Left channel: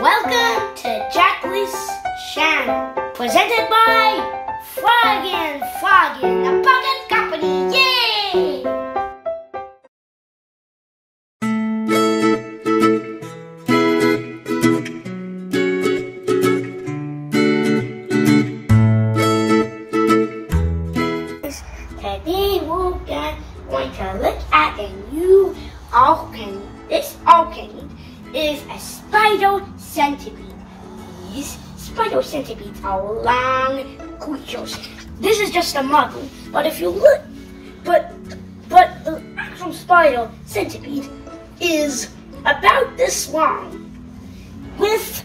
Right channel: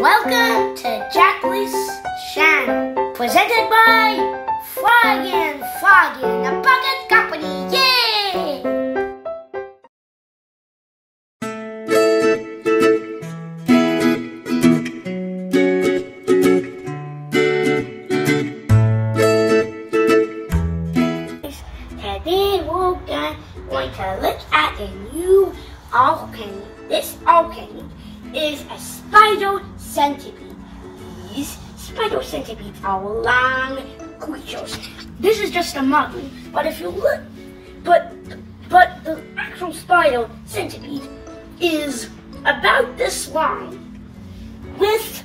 Welcome to Jaklis channel, presented by Foggin, the bucket company. Yay! Today we're going to look at a new alchemy. This alchemy is a spider centipede. These spider centipedes are long creatures. This is just a model, but if you look, but the actual spider centipede is about this long, with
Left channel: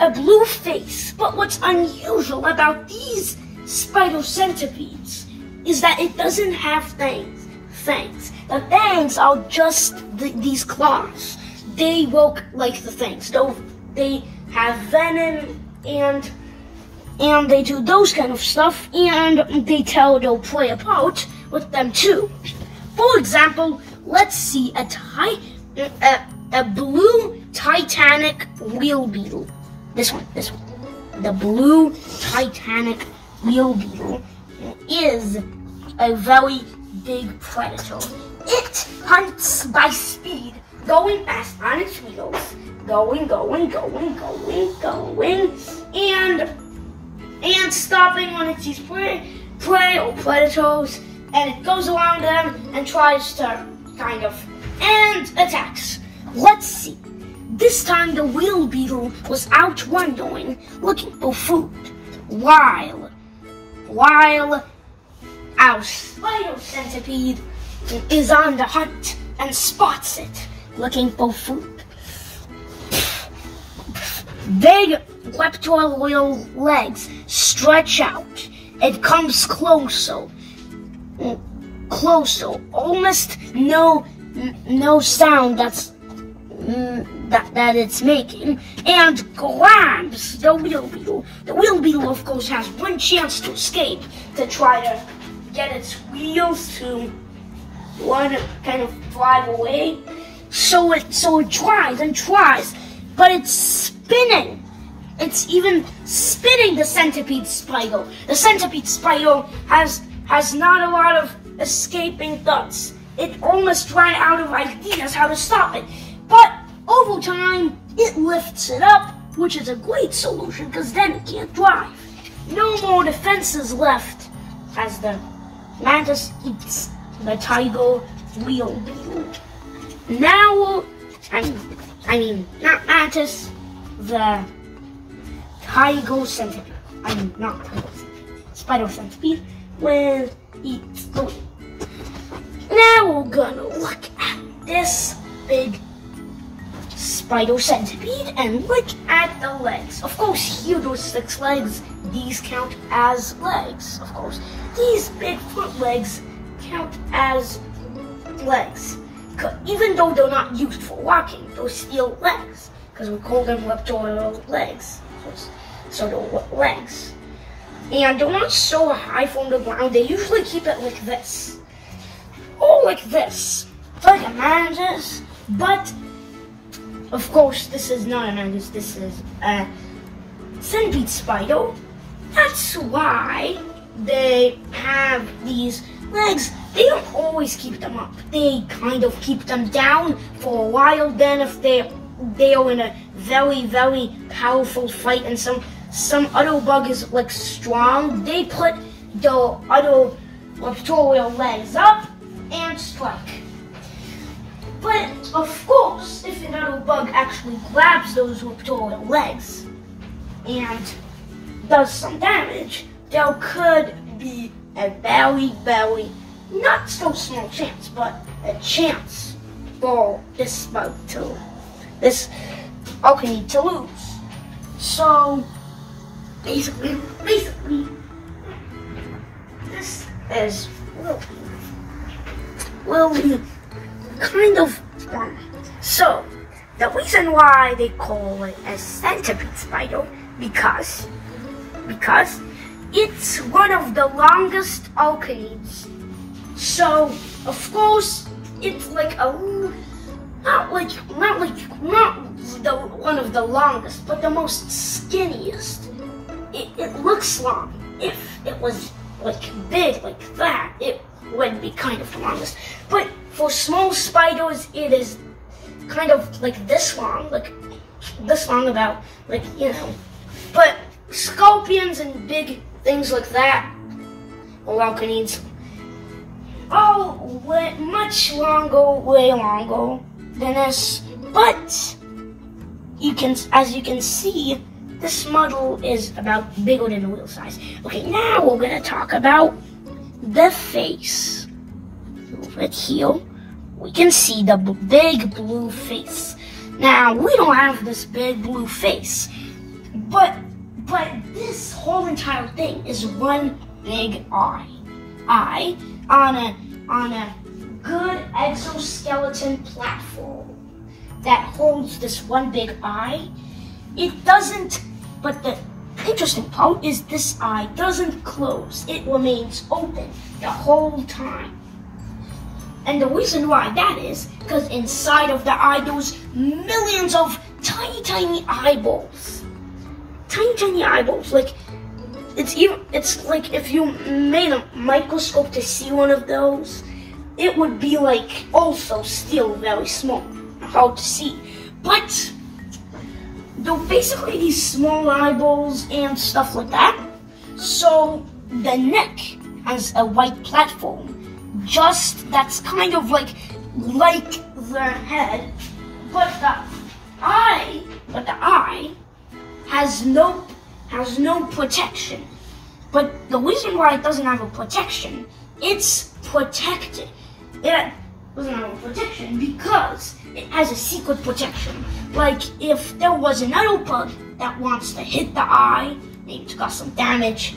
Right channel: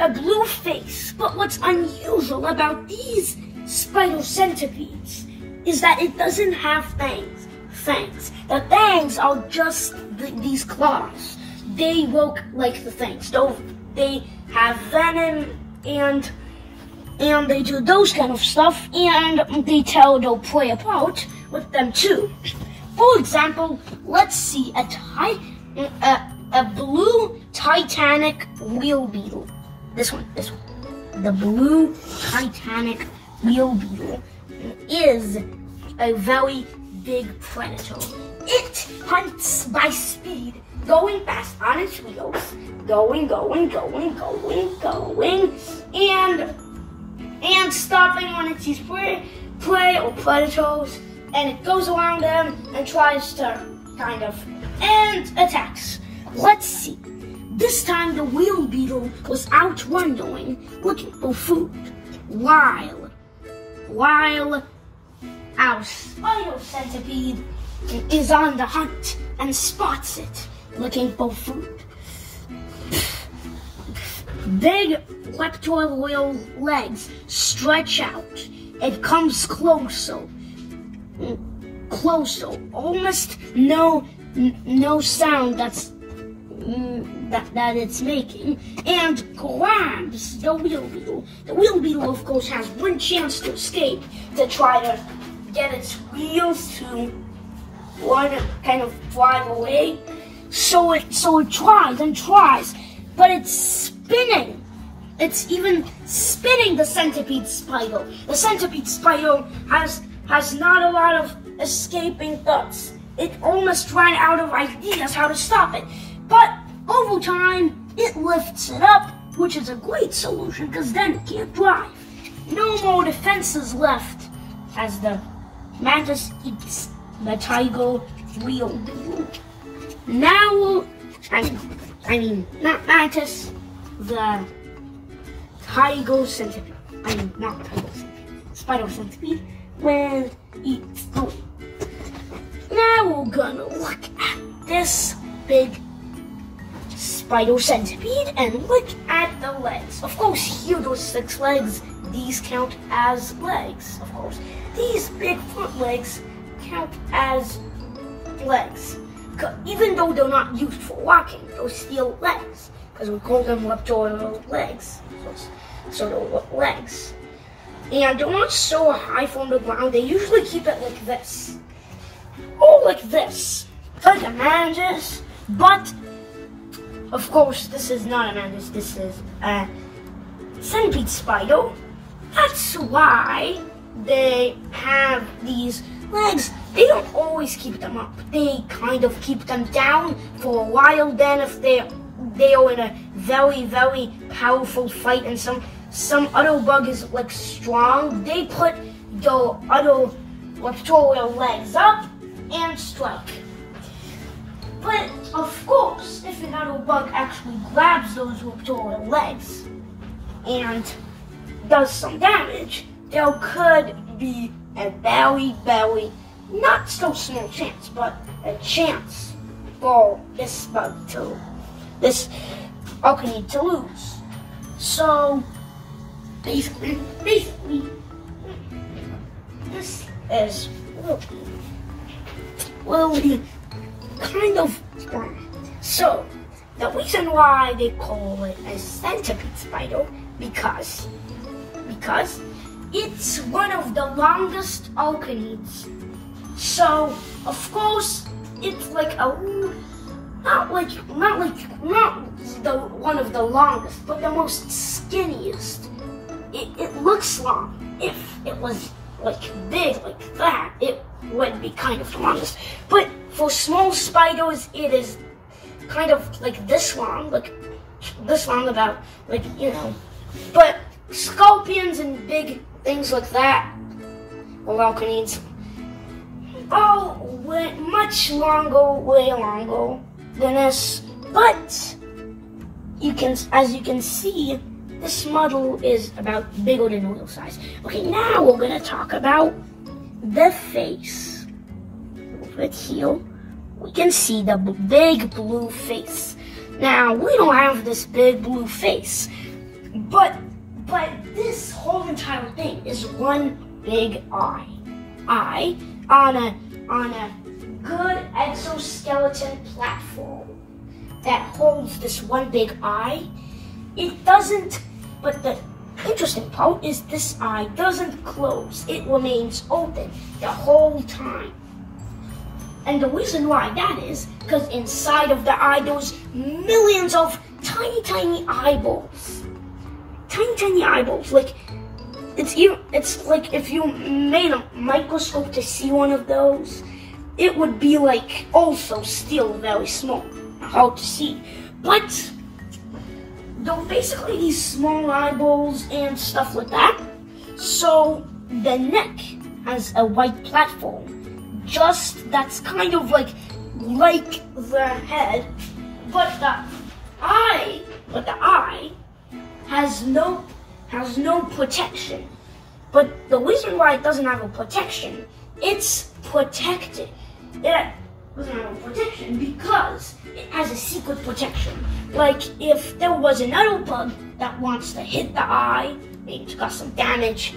a blue face. But what's unusual about these spider centipedes is that it doesn't have fangs. The fangs are just these claws. They work like the fangs. They have venom and they do those kind of stuff, and they tell their prey apart with them too. For example, let's see a blue Titanic wheel beetle. This one. The blue Titanic wheel beetle is a very big predator. It hunts by speed, going fast on its wheels, going, and stopping when it sees prey or predators, and it goes around them and tries to and attacks. Let's see. This time the wheel beetle was out wandering, looking for food, while our spider centipede is on the hunt and spots it, looking for food. Big leptoidal legs stretch out. It comes closer, almost no sound that it's making, and grabs the wheel beetle. The wheel beetle, of course, has one chance to escape, to try to get its wheels to kind of drive away. So it tries and tries, but it's spinning. It's even spinning the centipede spider. The centipede spider has not a lot of escaping thoughts. It almost ran out of ideas how to stop it. But over time, it lifts it up, which is a great solution because then it can't drive. No more defenses left as the mantis eats the tiger wheel beetle. Now, I mean, not mantis, the tiger centipede. Not tiger centipede. Spider centipede will eat the wheel. Now we're gonna look at this big spider centipede and look at the legs. Of course, here those 6 legs, these count as legs, of course. These big front legs count as legs. Even though they're not used for walking, they're still legs, because we call them leptoidal legs. So they're legs. And they're not so high from the ground. They usually keep it like this. Or like this. Like a mantis. But, of course, this is not a mantis. This is a centipede spider. That's why they have these legs. They don't always keep them up. They kind of keep them down for a while. Then if they are in a very, very powerful fight and some other bug is like strong, they put the other leptoidal legs up and strike. But of course, if another bug actually grabs those leptoidal legs and does some damage, there could be a very, very not so small chance, but a chance for this alchemy to lose. So basically, this is will be kind of fun. So the reason why they call it a centipede spider because it's one of the longest alchemides. So of course it's like a not the one of the longest, but the most skinniest. It looks long. If it was like big like that, it would be kind of the longest. But for small spiders, it is kind of like this long, about, like, you know. But scorpions and big things like that, or raccoons, way much longer, way longer than this. But as you can see, this model is about bigger than real size. Okay, now we're gonna talk about the face. Over here, we can see the big blue face. Now, we don't have this big blue face, but this whole entire thing is one big eye. Eye on a good exoskeleton platform that holds this one big eye. It doesn't, but the interesting part is this eye doesn't close. It remains open the whole time. And the reason why that is because inside of the eye there's millions of tiny eyeballs. Tiny eyeballs. Like it's like if you made a microscope to see one of those, it would be like also still very small, hard to see. But they're basically these small eyeballs and stuff like that. So the neck has a white platform, that's kind of like the head, but the eye has no protection. But the reason why it doesn't have a protection, it's protected. It doesn't have a protection because it has a secret protection. Like if there was another bug that wants to hit the eye, maybe to cause some damage,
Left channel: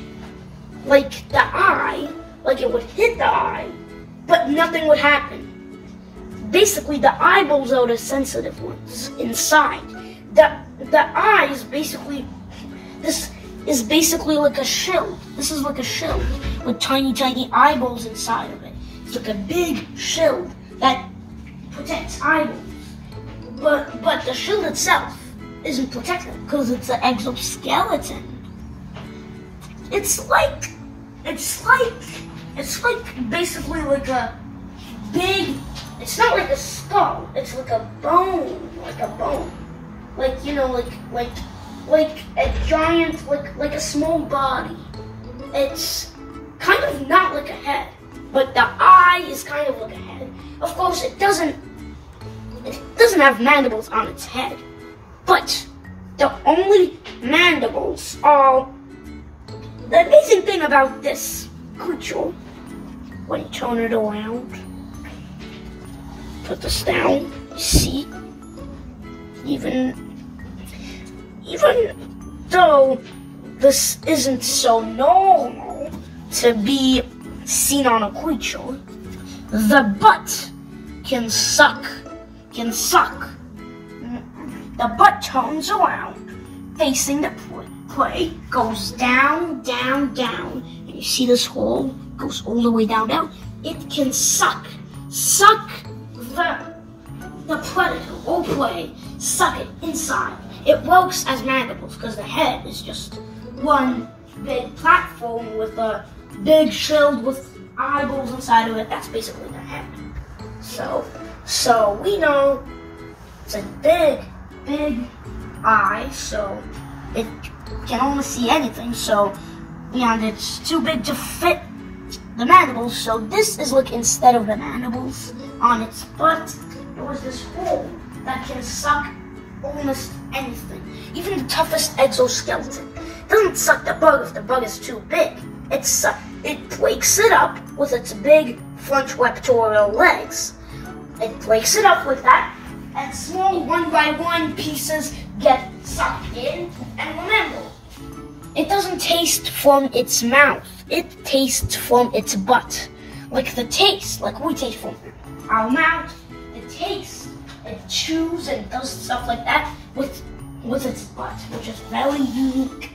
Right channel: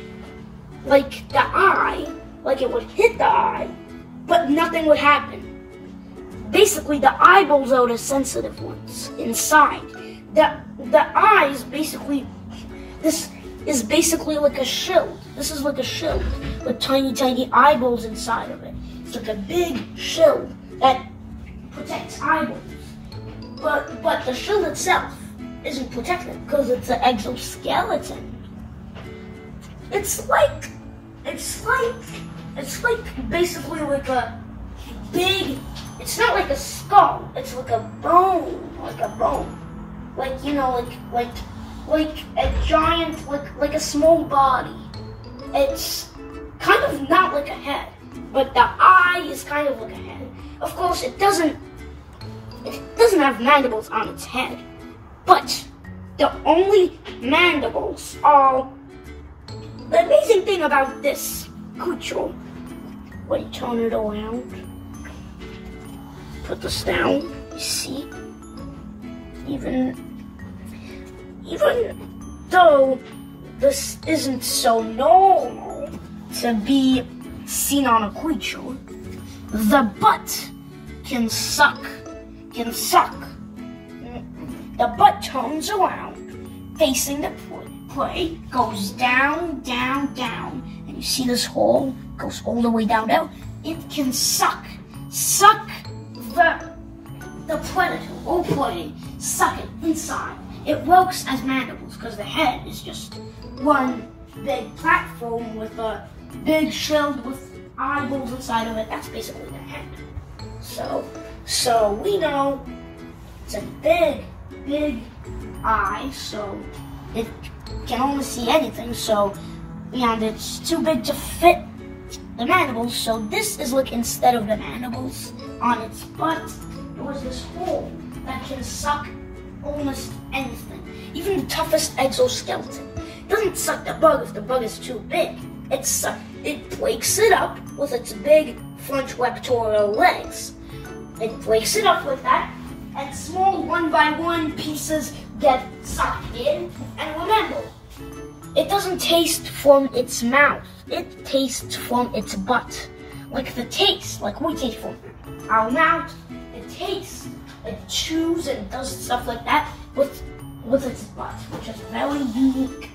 like the eye, like it would hit the eye, but nothing would happen. Basically, the eyeballs are the sensitive ones inside. The eye is basically, this is basically like a shield. This is like a shield with tiny eyeballs inside of it. It's like a big shield that protects eyeballs. But the shield itself isn't protected because it's an exoskeleton. It's like basically like a big, it's not like a skull, it's like a bone. Like, you know, like a giant, like a small body. It's kind of not like a head, but the eye is kind of like a head. Of course, it doesn't have mandibles on its head, but the only mandibles are, the amazing thing about this creature, when you turn it around, put this down, you see, even though this isn't so normal to be seen on a creature, the butt can suck. The butt turns around, facing the prey, goes down, and you see this hole goes all the way down. It can suck the predator or prey, suck it inside. It works as mandibles because the head is just one big platform with a big shield with eyeballs inside of it. That's basically the head. So we know it's a big eye, so it can only see anything, and it's too big to fit the mandibles, so this is like, instead of the mandibles on its butt, there was this hole that can suck almost anything. Even the toughest exoskeleton. It doesn't suck the bug if the bug is too big. It breaks it up with its big front raptorial legs. It breaks it up with that, and small one-by-one pieces get sucked in. And remember, it doesn't taste from its mouth. It tastes from its butt. Like the taste, like we taste from our mouth, it tastes, it chews and does stuff like that with its butt, which is very unique.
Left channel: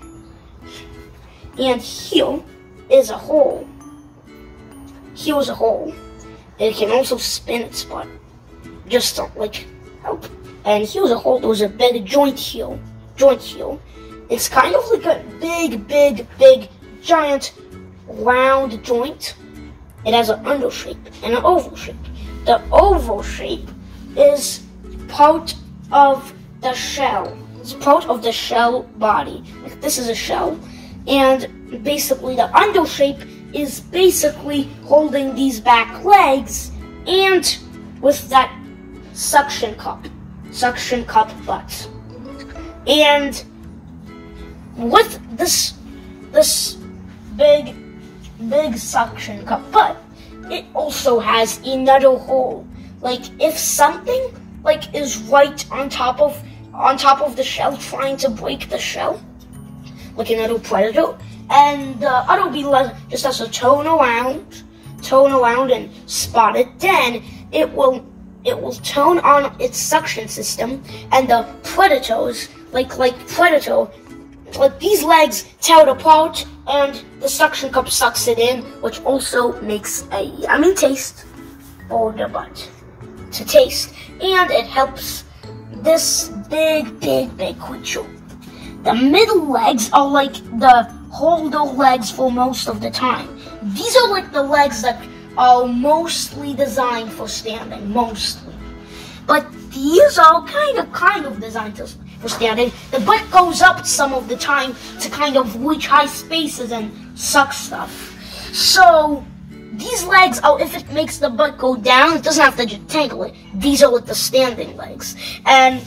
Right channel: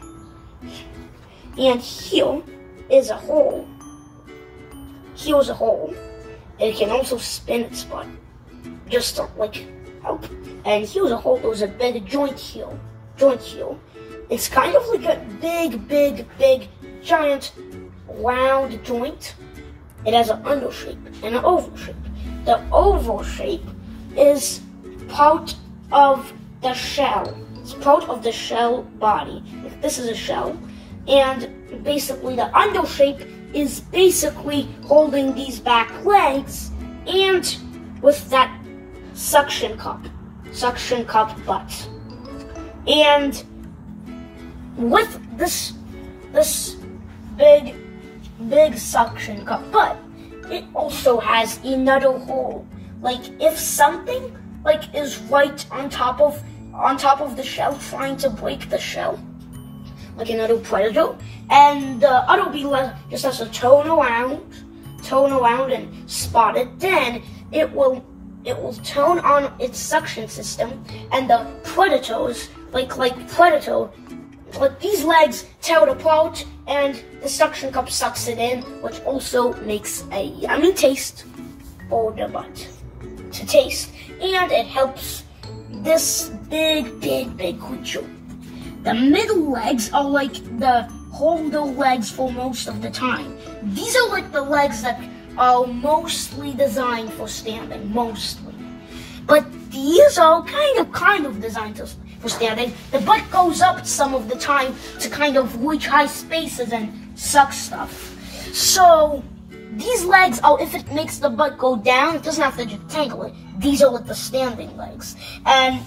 And here is a hole. Here's a hole. It can also spin its butt, just like And here's a hole. There's a big joint here. It's kind of like a big, giant, round joint. It has an under shape and an oval shape. The oval shape is part of the shell. It's part of the shell body. This is a shell. And basically the under shape is basically holding these back legs and with that suction cup butt. And with this big suction cup butt, it also has another hole. Like if something like is right on top of the shell trying to break the shell, like another predator, and the other bee just has to turn around and spot it, then it will turn on its suction system, and the predators, like these legs tear it apart, and the suction cup sucks it in, which also makes a yummy taste for the butt to taste, and it helps this big creature. The middle legs are like the holder legs for most of the time. These are like the legs that are mostly designed for standing, mostly. But these are kind of designed for standing. The butt goes up some of the time to kind of reach high spaces and suck stuff. So these legs are, if it makes the butt go down, it doesn't have to detangle it. These are like the standing legs. And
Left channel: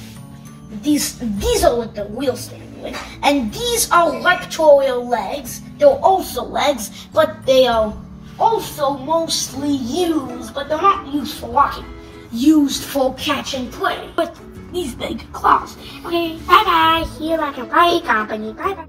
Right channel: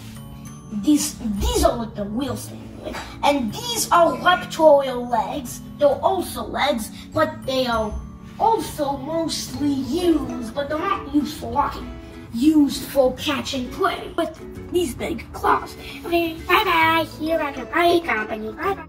these are like the real standing legs. And these are raptorial legs. They're also legs, but they are also mostly used, but they're not used for walking. Used for catching prey. But these big claws. Okay, bye-bye. See you back in my company. Bye-bye.